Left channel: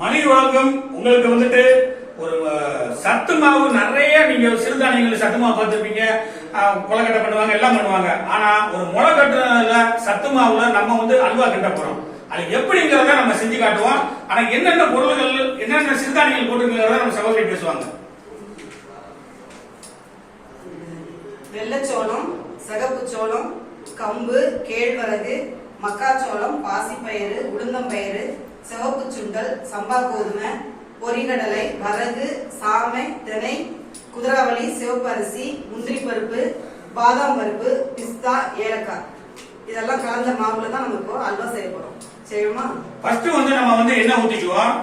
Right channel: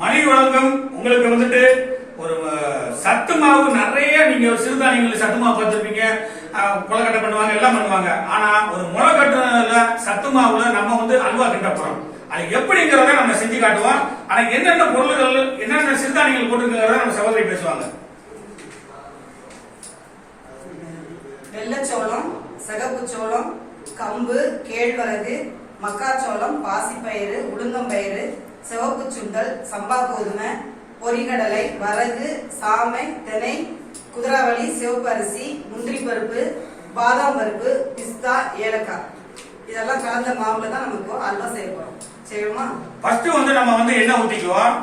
மணி வழங்கும் உங்களுக்கு வந்துட்டு ஒரு சத்து மாவு நிறைய நீங்க சிறுதானியங்கள் சத்து மாவு பார்த்துருப்பீங்க, முளைக்கட்டை பண்ணுவாங்க, எல்லாம் பண்ணுவாங்க. ஆனா ஒரு முளைக்கட்டுல சத்து மாவுல நம்ம வந்து அல்வா கிட்ட போறோம். அது எப்படிங்கிறத நம்ம செஞ்சு காட்டுவோம். ஆனா என்னென்ன பொருள்கள் என்னென்ன சிறுதானியங்கள் போட்டுக்கிறத நம்ம சகோதரி பேசுவாங்க. வெள்ளச்சோளம், சிகப்பு சோளம், கம்பு, கேழ்வரகு, மக்காச்சோளம், பாசிப்பயிறு, உளுந்தம்பயிறு, சிவப்பு சுண்டல், சம்பா கோதுமை, பொரிகடலை, வரகு, சாமை, தினை, குதிராவளி, சிவப்பு அரிசி, முந்திரி பருப்பு, பாதாம் பருப்பு, பிஸ்தா, ஏலக்காய் இதெல்லாம் கலந்த மாவுல தான் நம்ம இப்போ அல்வா செய்ய போறோம். செய்வோமா? ஃபர்ஸ்ட் வந்து நம்ம வந்து எண்ணெய் ஊத்திக்குவோம்.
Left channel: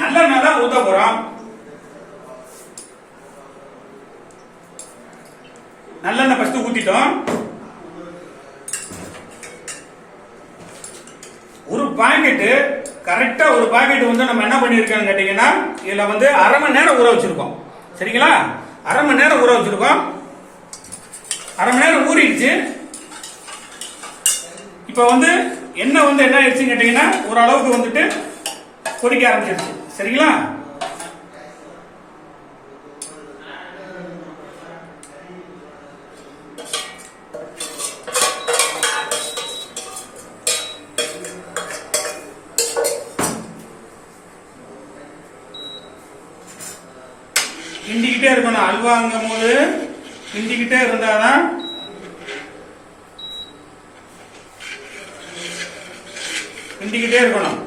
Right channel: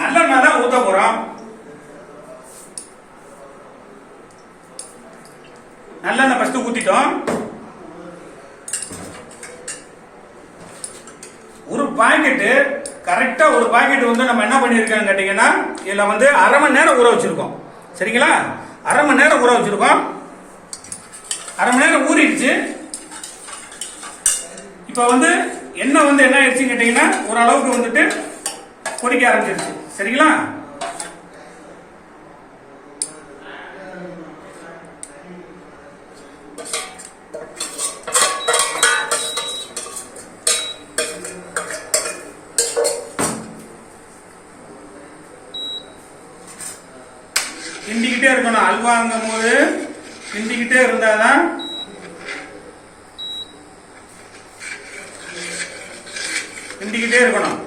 நல்லெண்ணெய் தான் ஊத்த போறோம். நல்லெண்ணெய் ஃபர்ஸ்ட் ஊத்திட்டோம். ஒரு பாக்கெட் கரெக்டா ஒரு பாக்கெட் வந்து நம்ம என்ன பண்ணிருக்கோம் கேட்டீங்கன்னா, இதுல வந்து அரை மணி நேரம் ஊற வச்சிருக்கோம். சரிங்களா? அரை மணி நேரம் ஊற வச்சிருக்கோம். அரை மணி நேரம் ஊறிடுச்சு. இப்ப வந்து எண்ணெய் வந்து என்ன ஆயிடுச்சுன்னு கேட்டீங்கன்னா, ஓரளவுக்கு வந்துட்டு கொதிக்க ஆரம்பிச்சிருச்சு. சரிங்களா? கிண்டிக்கிட்டே இருக்கணும். அல்வாங்கும் போது கிண்டிக்கிட்டே இருந்தாதான் கிண்டிக்கிட்டே இருக்கணும்.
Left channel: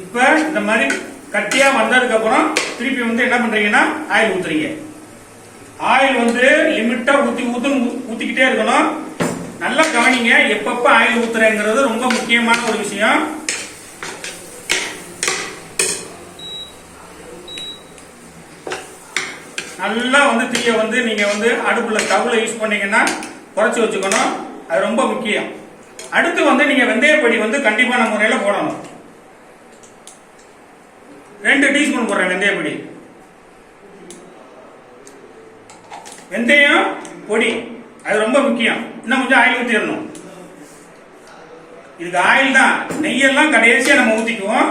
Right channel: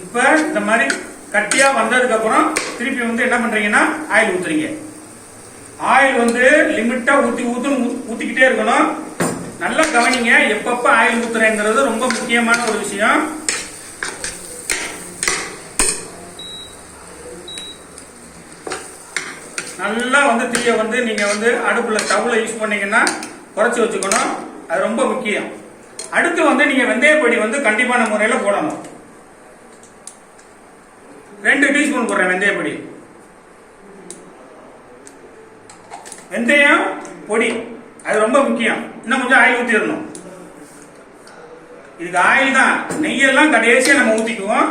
இப்ப இந்த மாதிரி கட்டியா வந்ததுக்கு அப்புறம் திருப்பி வந்து என்ன பண்றீங்கன்னா ஆயில் ஊத்துறீங்க. ஆயில் வந்து லிமிட்டா ஊத்திக்கிட்டே இருக்கணும். நல்லா கவனிங்க, எப்பப்ப ஆயில் ஊத்துறேங்கிறது ரொம்ப முக்கியமான ஒரு விஷயம். நல்லா வந்து தீய வந்து நீங்க வந்து அடுப்புல ஸ்டவ்ல யூஸ் பண்ணீங்கன்னா குறைச்சு வச்சுக்கணும். அது ரொம்ப முக்கியம். அடுத்து வந்து நீங்க வெந்தயப்பொடி வந்து கண்டிப்பான முறையில போடணும். 2 டீஸ்பூன் போடுறேன் வெந்தயப்பொடி. வெந்தயம் பொடி அது ரொம்ப முக்கியம். இன்னும் கொஞ்சம் ஆயில் ஊத்திடணும். இதுக்கு ஆயில் தான். நெய்யெல்லாம் கடைசியா நம்ம ஊத்திக்குவோம்.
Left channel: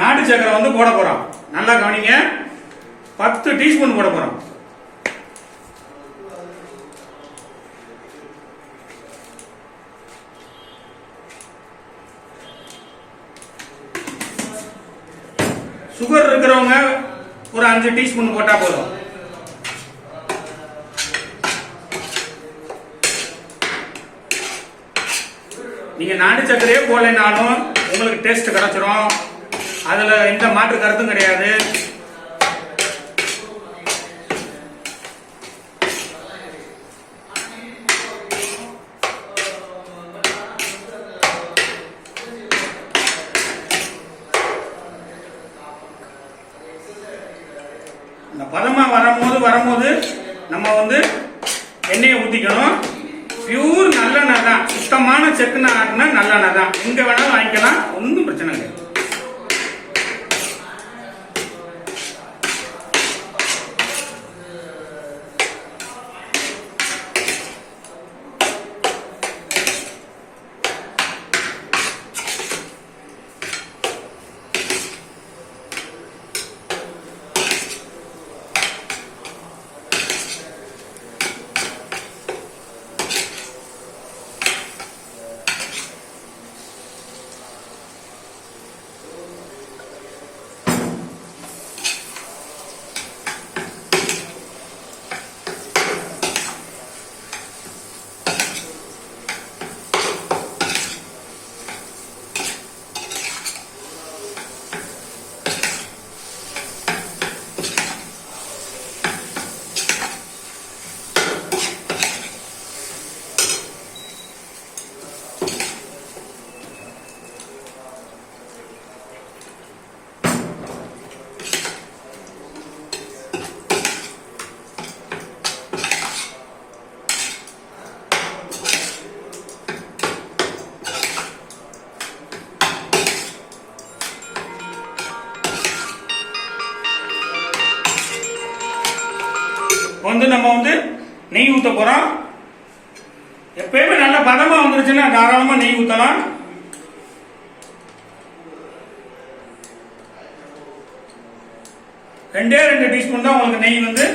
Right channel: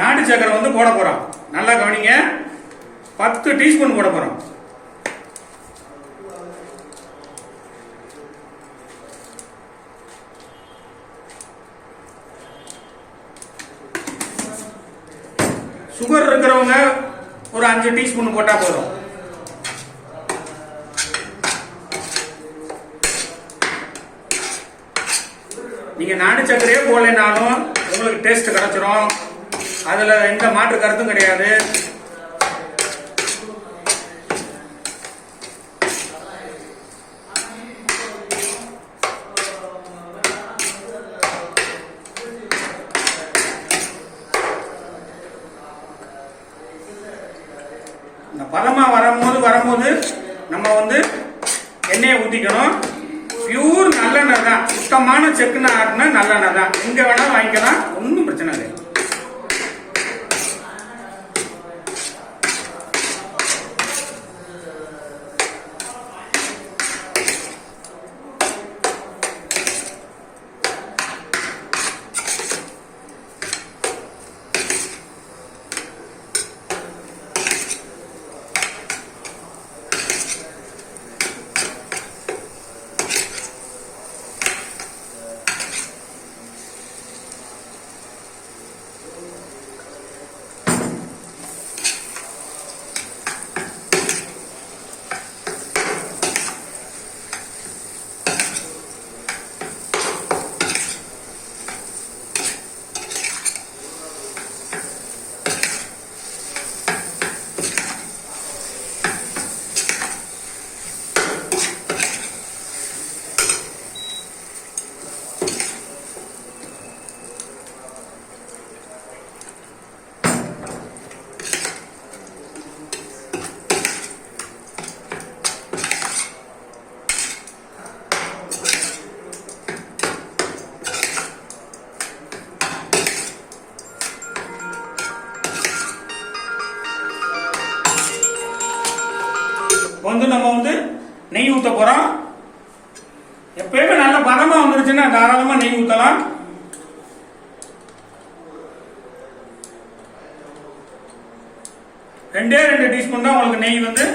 நாட்டு சக்கரை வந்து போட போறோம். நல்லா கவனிங்க, 10 டீஸ்பூன் போட போறோம். சுகர் இருக்கிறவங்க ஒரு 5 டீஸ்பூன் போட்டா போதும். நீங்க நாட்டு சக்கரையே போடலைனாலும் உங்களுக்கு டேஸ்ட் கிடைச்சிரும். அதுல எந்த மாற்று கருத்தும் கிடையாது. இந்த பதமா வரும்போது நம்ம வந்து எண்ணெயை ஊத்திக்கணும். பியூர் நல்லெண்ணெய் தான். சுத்தமான செக்குன்னு ஆட்டின நல்லெண்ணெய் தான். எங்க வேணாலும் வாங்கிக்கலாம், ஒன்றும் பிரச்சனை இல்லை. வந்து நம்ம வந்து நெய் ஊத்த போறோம். எப்பயுமே நல்ல பதமா வந்துருச்சுன்னா தாராளமா நெய் ஊத்தலாம். ரெண்டே 2 டீஸ்பூன் தான் உங்களுக்கு நெய் வந்து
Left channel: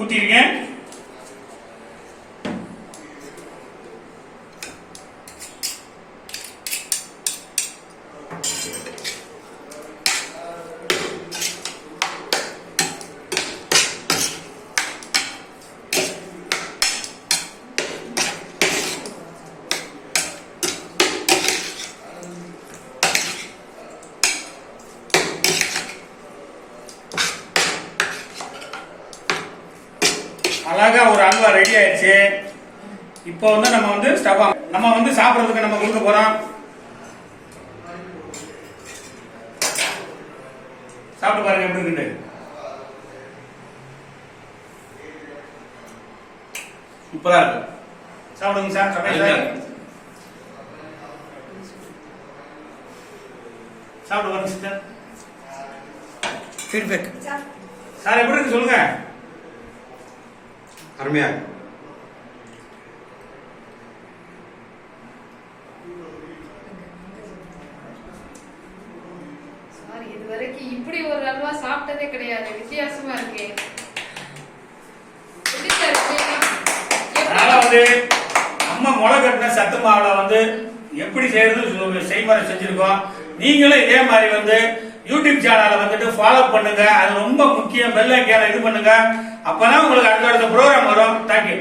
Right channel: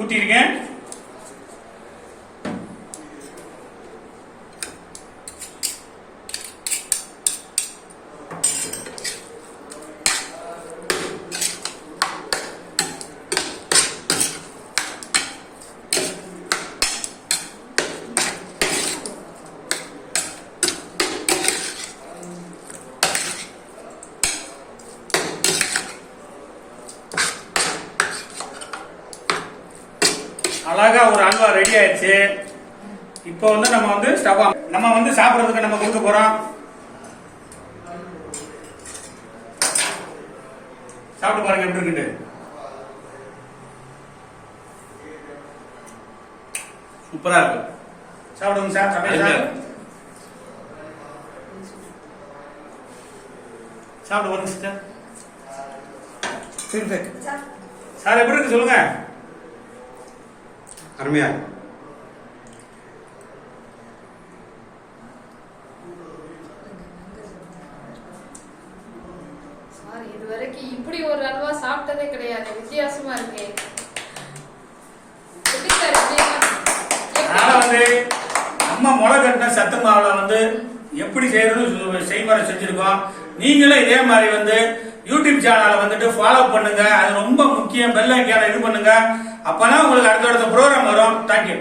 ஊத்திருக்கேன். அழகா ஒரு அல்வா ரெடி ஆயிடுச்சு. இப்போ வந்து நம்ம வந்து நம்ம வந்து சாப்பிடறதுக்கு நம்ம கொடுக்க போறோம். சாப்பிட்டு பாருங்க எப்படி இருக்கு. சூப்பரா இருக்கு. சாப்பிடுங்க சார். சாப்பிட்டு பாருங்க சார். ஃபீட்பேக் சார் எப்படி இருக்கு சொல்லுங்க. அருமையா சார் இதுவரைக்கும் இப்படி ஒரு அல்வா சாப்பிட்டதே கிடையாது. வித்தியாசமா இருக்கு. அதனால வந்து நம்ம முளை கட்டின சத்து மாவுல வந்து எப்படி செய்யறது செய்முறை செஞ்சிருக்கோம். நீங்களும் இதே மாதிரி வந்து யூடியூப் சேனலை வந்துட்டு ஃபாலோ பண்ணுங்க. அது ரொம்ப முக்கியம். பெல் ஐக்கானை இது பண்ணுங்க. அப்பதான் உங்களுக்கு அடுத்த ப்ரோக்ராம் வரும். தேங்க்யூ.